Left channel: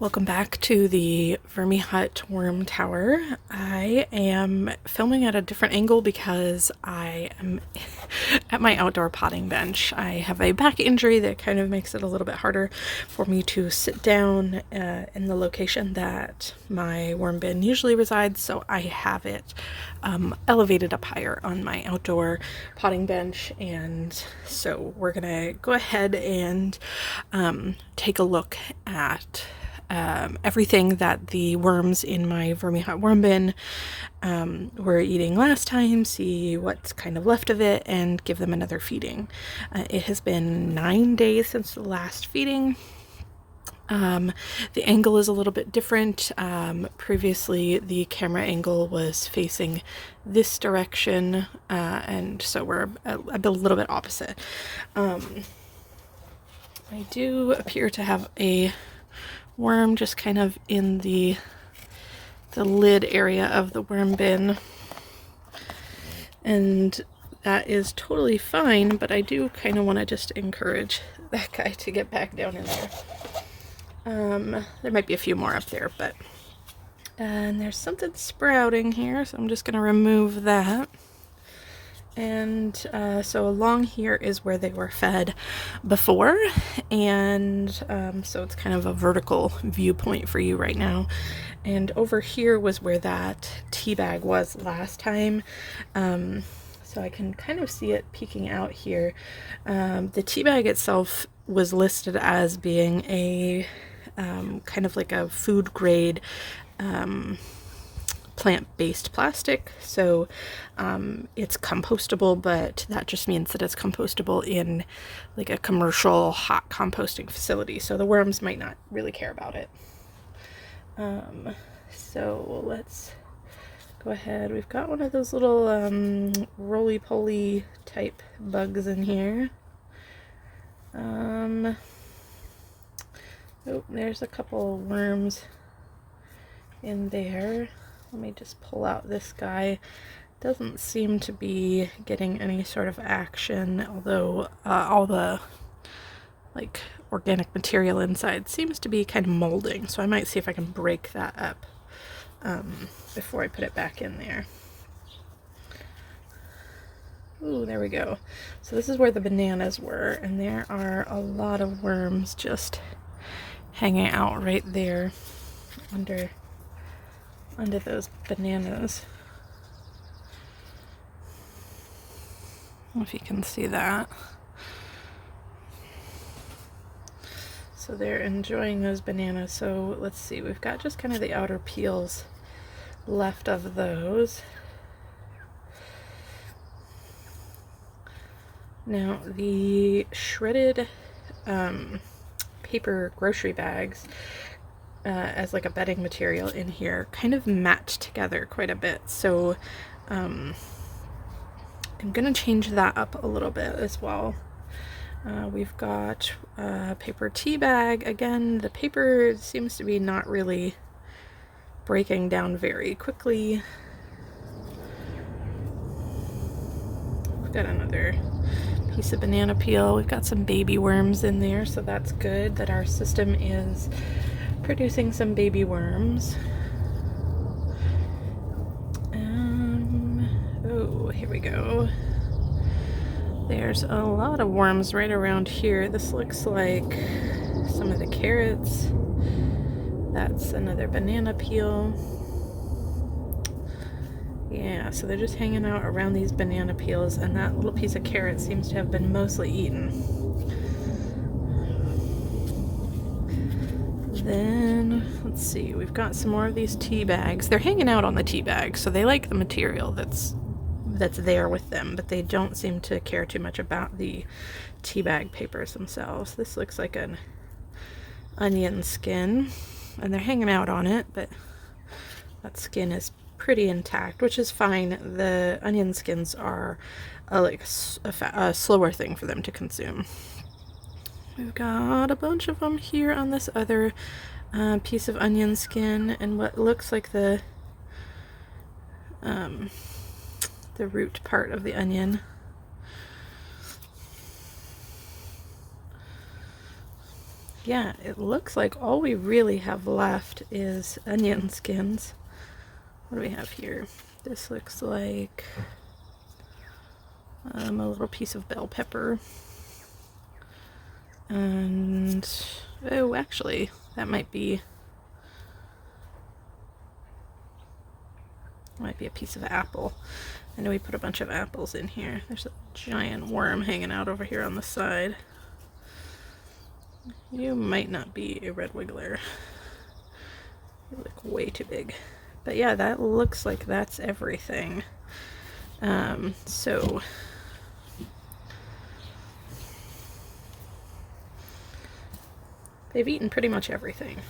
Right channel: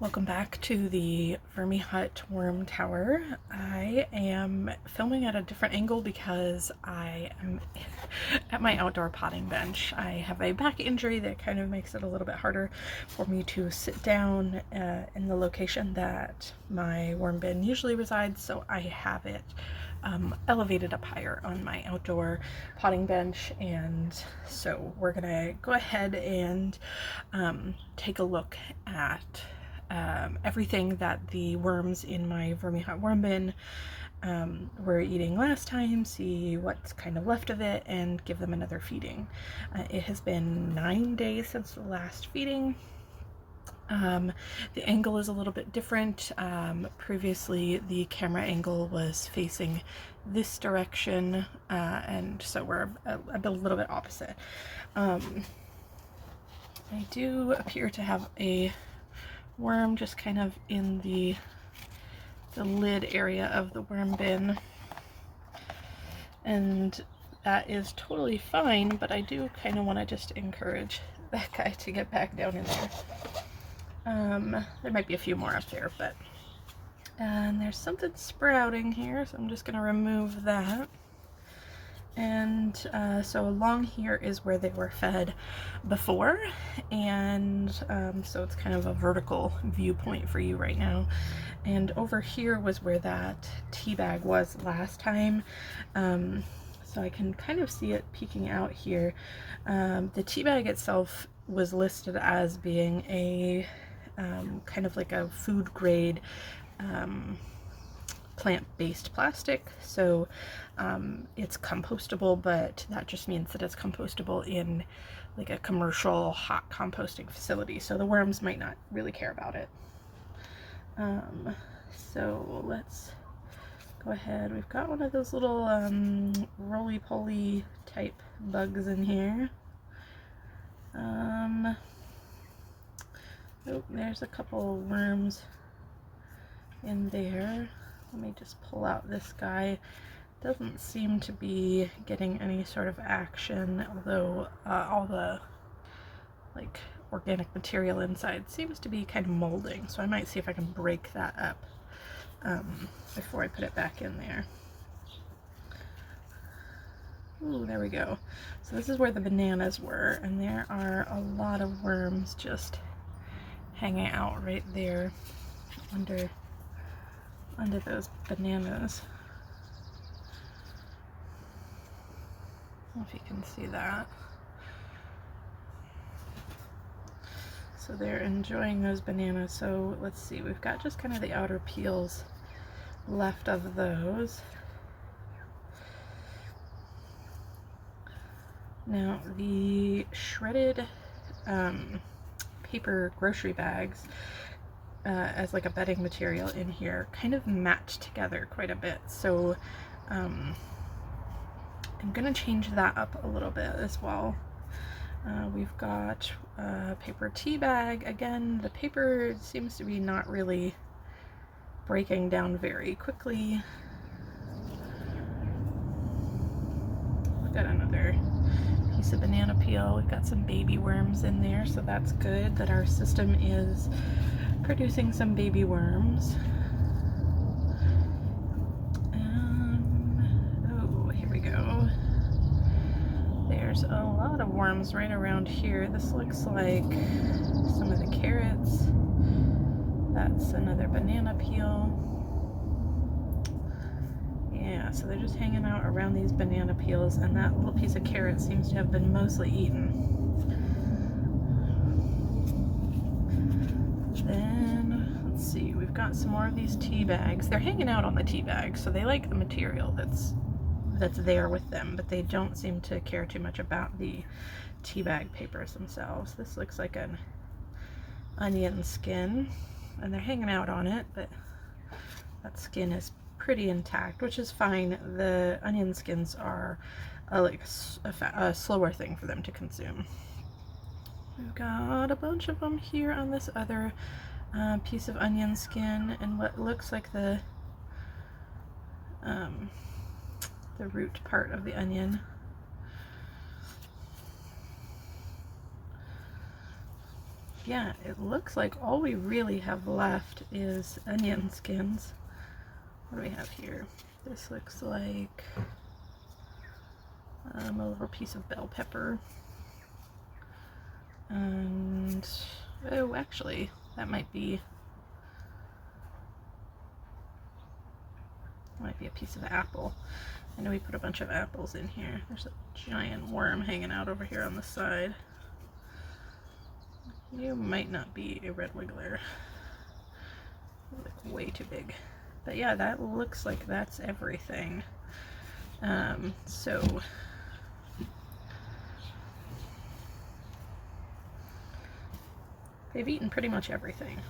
Welcome back to the Vermihut Worm Tower. I am filming at a different angle because I am at my outdoor potting bench. I have a back injury that kind of makes it a little bit harder for me to sit down in the location that my worm bin usually resides, so I have it elevated up higher on my outdoor potting bench. And so we're gonna go ahead and take a look at everything that the worms in my Vermihut worm bin were eating last time, see what's kind of left of it, and give them another feeding. It has been 9 days since the last feeding. The angle is a little bit different. Previously, the camera angle was facing this direction, and so we're a little bit opposite. I do appear to have a worm just kind of in the lid area of the worm bin, and that is totally fine, but I do kind of want to just encourage that guy to get back down in there. There might be a few more up there, but and there's something sprouting here, so I'm just going to remove that. And so along here is where they were fed before, and so it's kind of a vertical viewpoint for you right now. And over here was where that tea bag was last time, so I can kind of see it peeking out here. The tea bag itself was listed as being a kind of like a food grade plant-based plastic, so it's compostable, but that just means that it's compostable in like a commercial hot composting facility, so the worms might not really care about it. So let's go ahead. We've got one of those little roly-poly type bugs in here. Oh, there's a couple worms in there. Let me just pull out this guy. Doesn't seem to be getting any sort of action, although all the like organic material inside seems to be kind of molding, so I might see if I can break that up before I put it back in there. Ooh, there we go. So this is where the bananas were, and there are a lot of worms just hanging out right there under those bananas. I don't know if you can see that. So they're enjoying those bananas. So let's see, we've got just kind of the outer peels left of those. Now the shredded paper grocery bags as like a bedding material in here kind of match together quite a bit, so I'm gonna change that up a little bit as well. We've got a paper tea bag. Again, the paper seems to be not really breaking down very quickly. We've got another piece of banana peel. We've got some baby worms in there, so that's good that our system is producing some baby worms. Oh, here we go. There's a lot of worms right around here. This looks like some of the carrots. That's another banana peel. Yeah, so they're just hanging out around these banana peels, and that little piece of carrot seems to have been mostly eaten. Then, let's see, we've got some more of these tea bags. They're hanging out on the tea bags, so they like the material that's there with them, but they don't seem to care too much about the tea bag papers themselves. This looks like an onion skin, and they're hanging out on it, but that skin is pretty intact, which is fine. The onion skins are like a slower thing for them to consume. We've got a bunch of them here on this other piece of onion skin, and what looks like the root part of the onion. yeah, it looks like all we really have left is onion skins. What do we have here? This looks like a little piece of bell pepper. And, oh, actually, that might be a piece of apple. I know we put a bunch of apples in here. There's a giant worm hanging out over here on the side. You might not be a red wiggler. You look way too big. But yeah, that looks like that's everything. So they've eaten pretty much everything,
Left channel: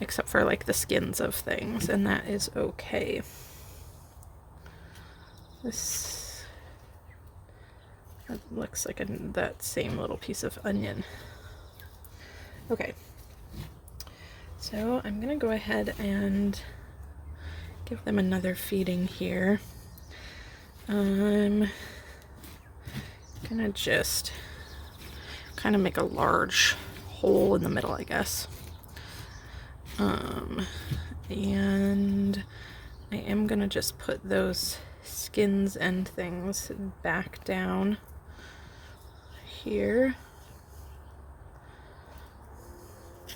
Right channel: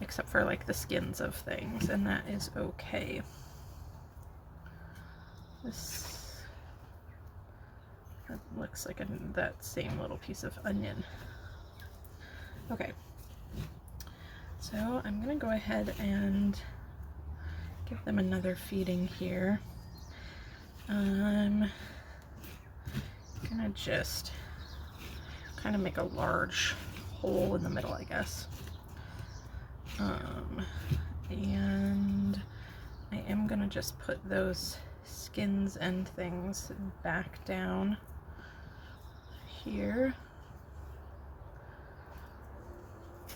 except for like the skins of things, and that is okay. That looks like that same little piece of onion. Okay, so I'm gonna go ahead and give them another feeding here. I'm gonna just kind of make a large hole in the middle, I guess. And I am gonna just put those skins and things back down here.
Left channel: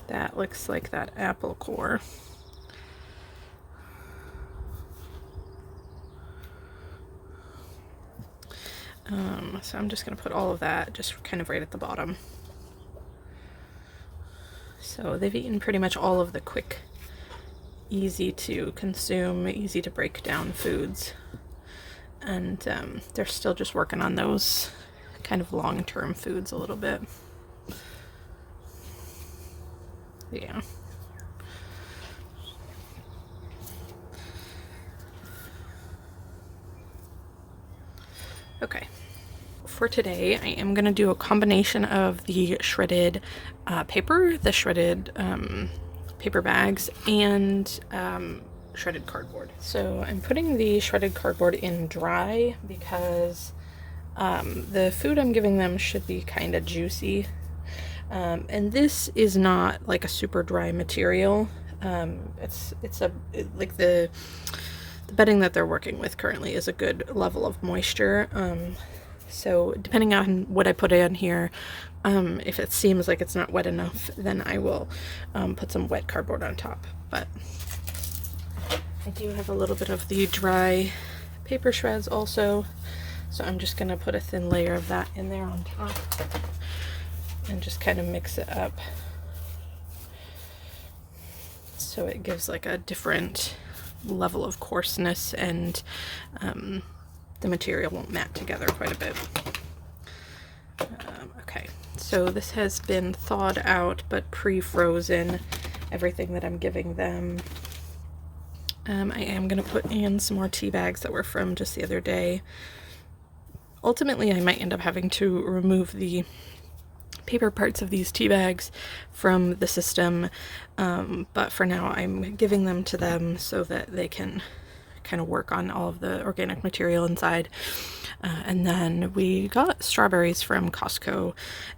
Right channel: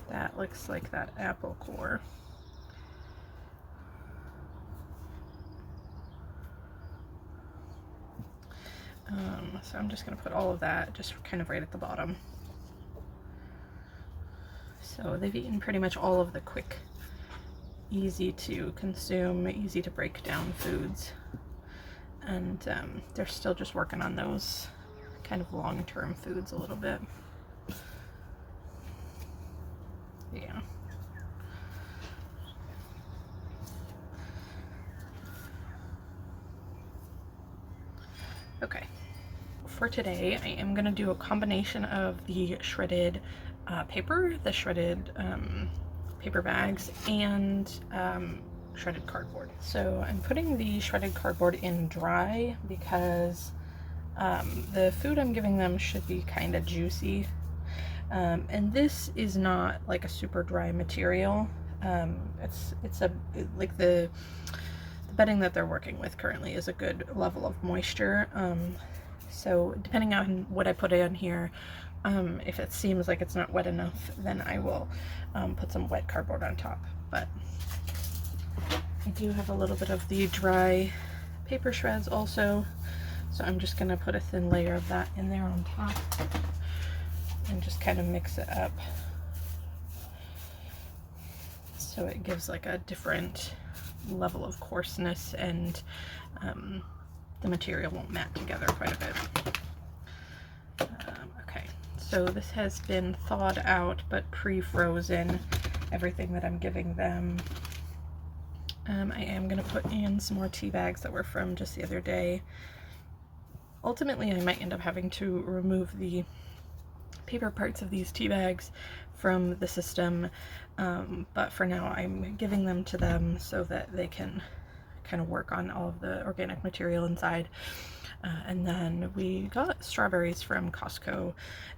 That looks like that apple core. So I'm just going to put all of that just kind of right at the bottom. So they've eaten pretty much all of the quick, easy to consume, easy to break down foods. And they're still just working on those kind of long-term foods a little bit. Yeah. Okay. For today, I am going to do a combination of the shredded paper, the shredded paper bags, and shredded cardboard. So I'm putting the shredded cardboard in dry because the food I'm giving them should be kind of juicy. And this is not like a super dry material. Like the bedding that they're working with currently is a good level of moisture. So depending on what I put in here, if it seems like it's not wet enough, then I will put some wet cardboard on top. But I do have a little bit of the dry paper shreds also, so I'm just going to put a thin layer of that in there on top and just kind of mix it up so it gives like a different level of coarseness, and the material won't mat together quite a bit. Okay, so this has been thawed out but pre-frozen, everything that I'm giving them. I am going to put in some more tea bags that were from just the other day. Ultimately, I might end up having to remove the paper parts of these tea bags from the system, but for now I'm giving them to them so that they can kind of work on all of the organic material inside. And then we got strawberries from Costco,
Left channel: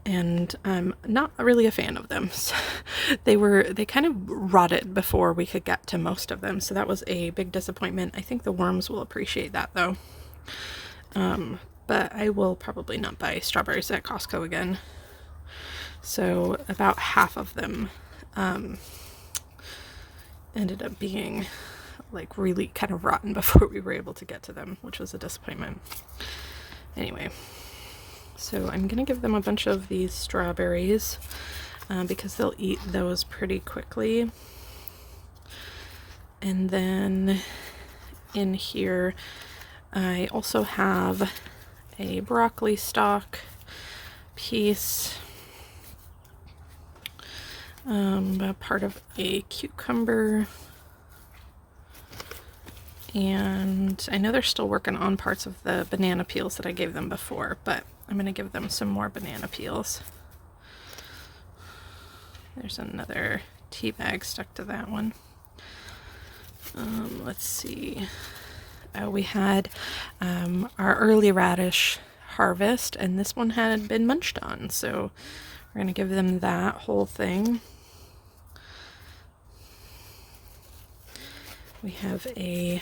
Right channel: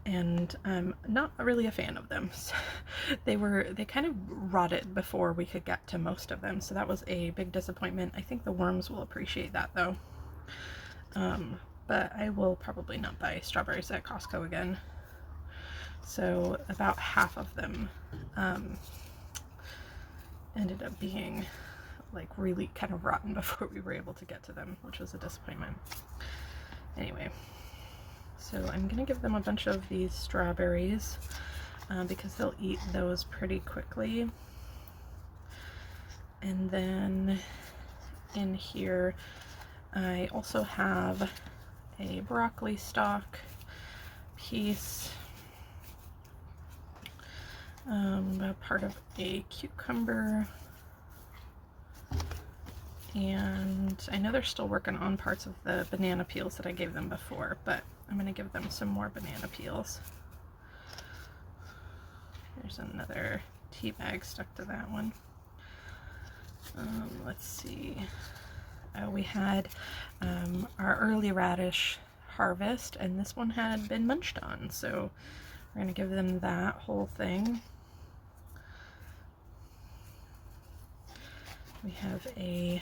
and I'm not really a fan of them. So they kind of rotted before we could get to most of them, so that was a big disappointment. I think the worms will appreciate that though. But I will probably not buy strawberries at Costco again. So about half of them ended up being like really kind of rotten before we were able to get to them, which was a disappointment. Anyway, so I'm gonna give them a bunch of these strawberries because they'll eat those pretty quickly. And then in here I also have a broccoli stalk piece, a part of a cucumber, and I know they're still working on parts of the banana peels that I gave them before, but I'm going to give them some more banana peels. There's another tea bag stuck to that one. Let's see. We had our early radish harvest, and this one had been munched on, so We're going to give them that whole thing. We have a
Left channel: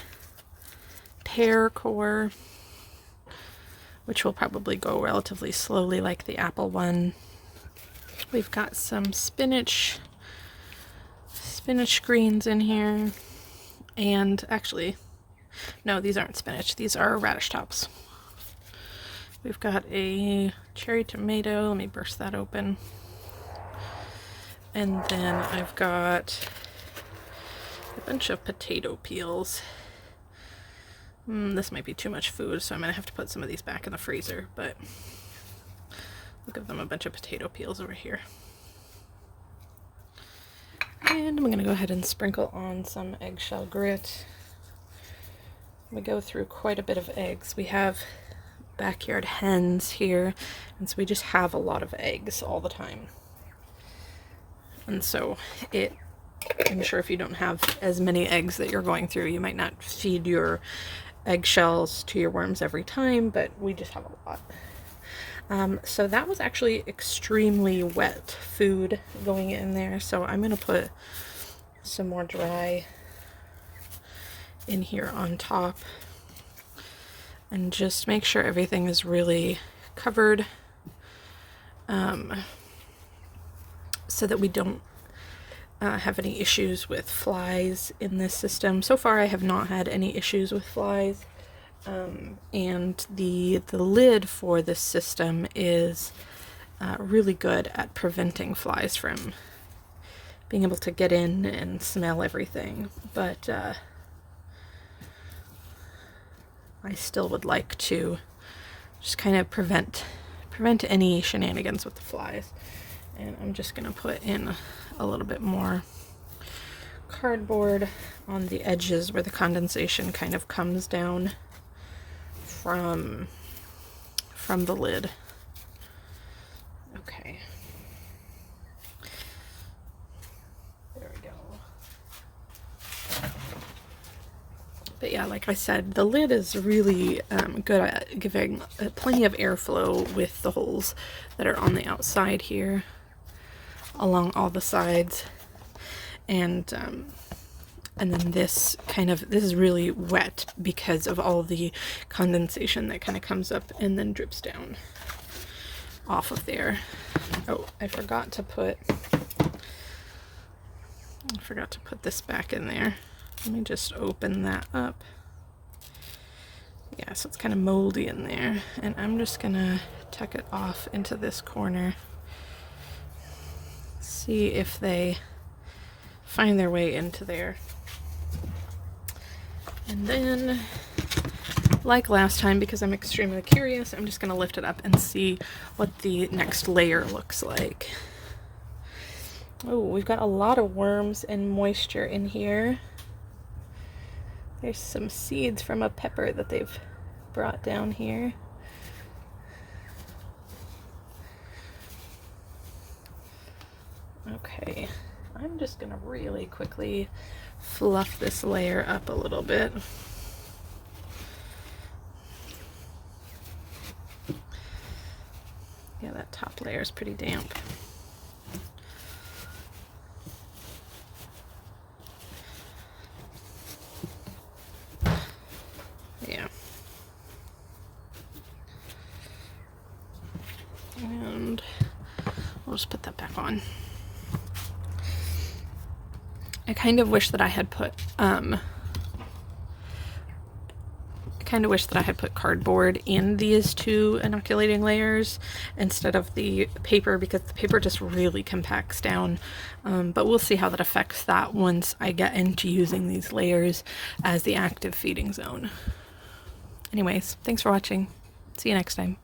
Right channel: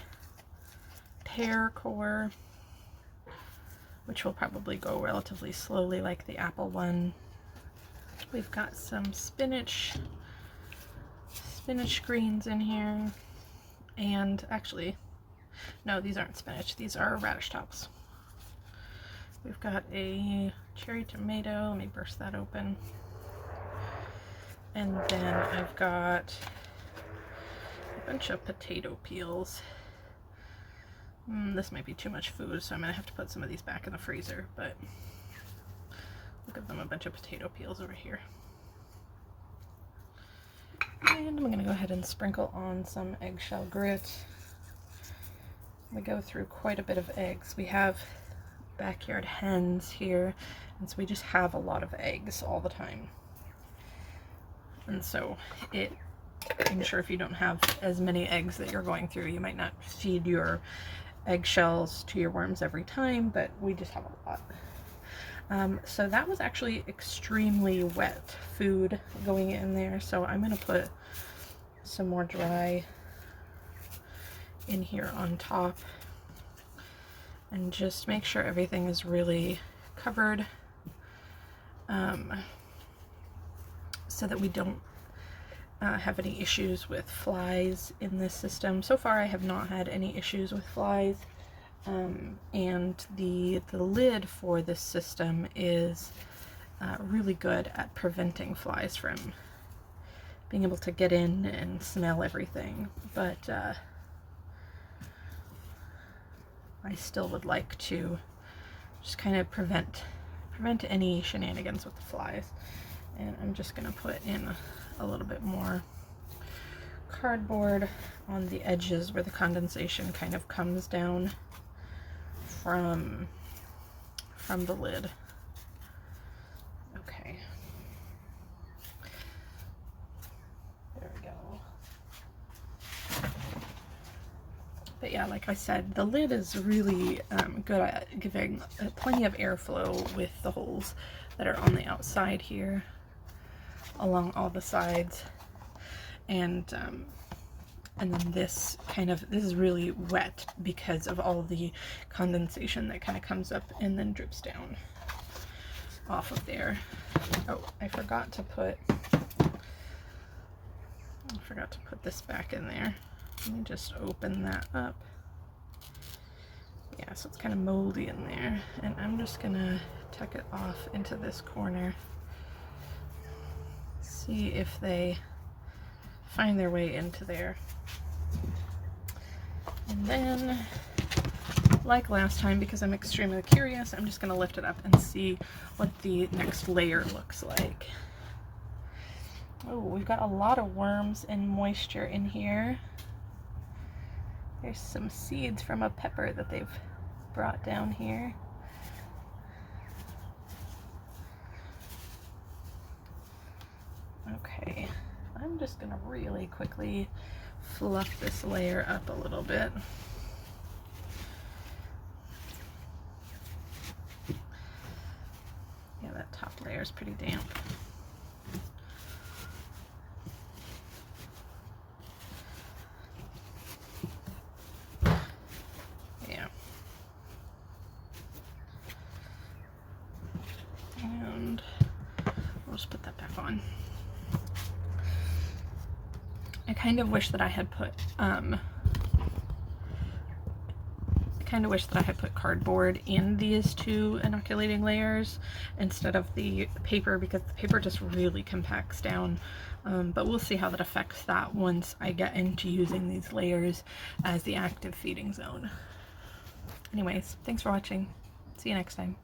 pear core, which will probably go relatively slowly like the apple one. We've got some spinach greens in here, and actually, no, these aren't spinach, these are radish tops. We've got a cherry tomato, let me burst that open. And then I've got a bunch of potato peels. This might be too much food, so I'm gonna have to put some of these back in the freezer, but we'll give them a bunch of potato peels over here. And I'm gonna go ahead and sprinkle on some eggshell grit. We go through quite a bit of eggs. We have backyard hens here, and so we just have a lot of eggs all the time. And so I'm sure if you don't have as many eggs that you're going through, you might not feed your eggshells to your worms every time, but we just have a lot. So that was actually extremely wet food going in there, so I'm gonna put some more dry in here on top and just make sure everything is really covered, so that we don't have any issues with flies in this system. So far I have not had any issues with flies, and the lid for this system is really good at preventing flies from being able to get in and smell everything, but I still would like to just kind of prevent any shenanigans with the flies. And I'm just gonna put in a little bit more cardboard on the edges where the condensation kind of comes down from the lid. Okay. There we go. But yeah, like I said, the lid is really good at giving plenty of airflow with the holes that are on the outside here, along all the sides, and then this is really wet because of all the condensation that kind of comes up and then drips down off of there. Oh, I forgot to put this back in there. Let me just open that up. Yeah, so it's kind of moldy in there, and I'm just gonna tuck it off into this corner. See if they find their way into there. And then, like last time, because I'm extremely curious, I'm just gonna lift it up and see what the next layer looks like. Oh, we've got a lot of worms and moisture in here. There's some seeds from a pepper that they've brought down here. Okay, I'm just gonna really quickly fluff this layer up a little bit. Yeah, that top layer is pretty damp. Yeah. And we'll just put that back on. I kind of wish that I had put cardboard in these two inoculating layers instead of the paper, because the paper just really compacts down, but we'll see how that affects that once I get into using these layers as the active feeding zone. Anyways, thanks for watching. See you next time.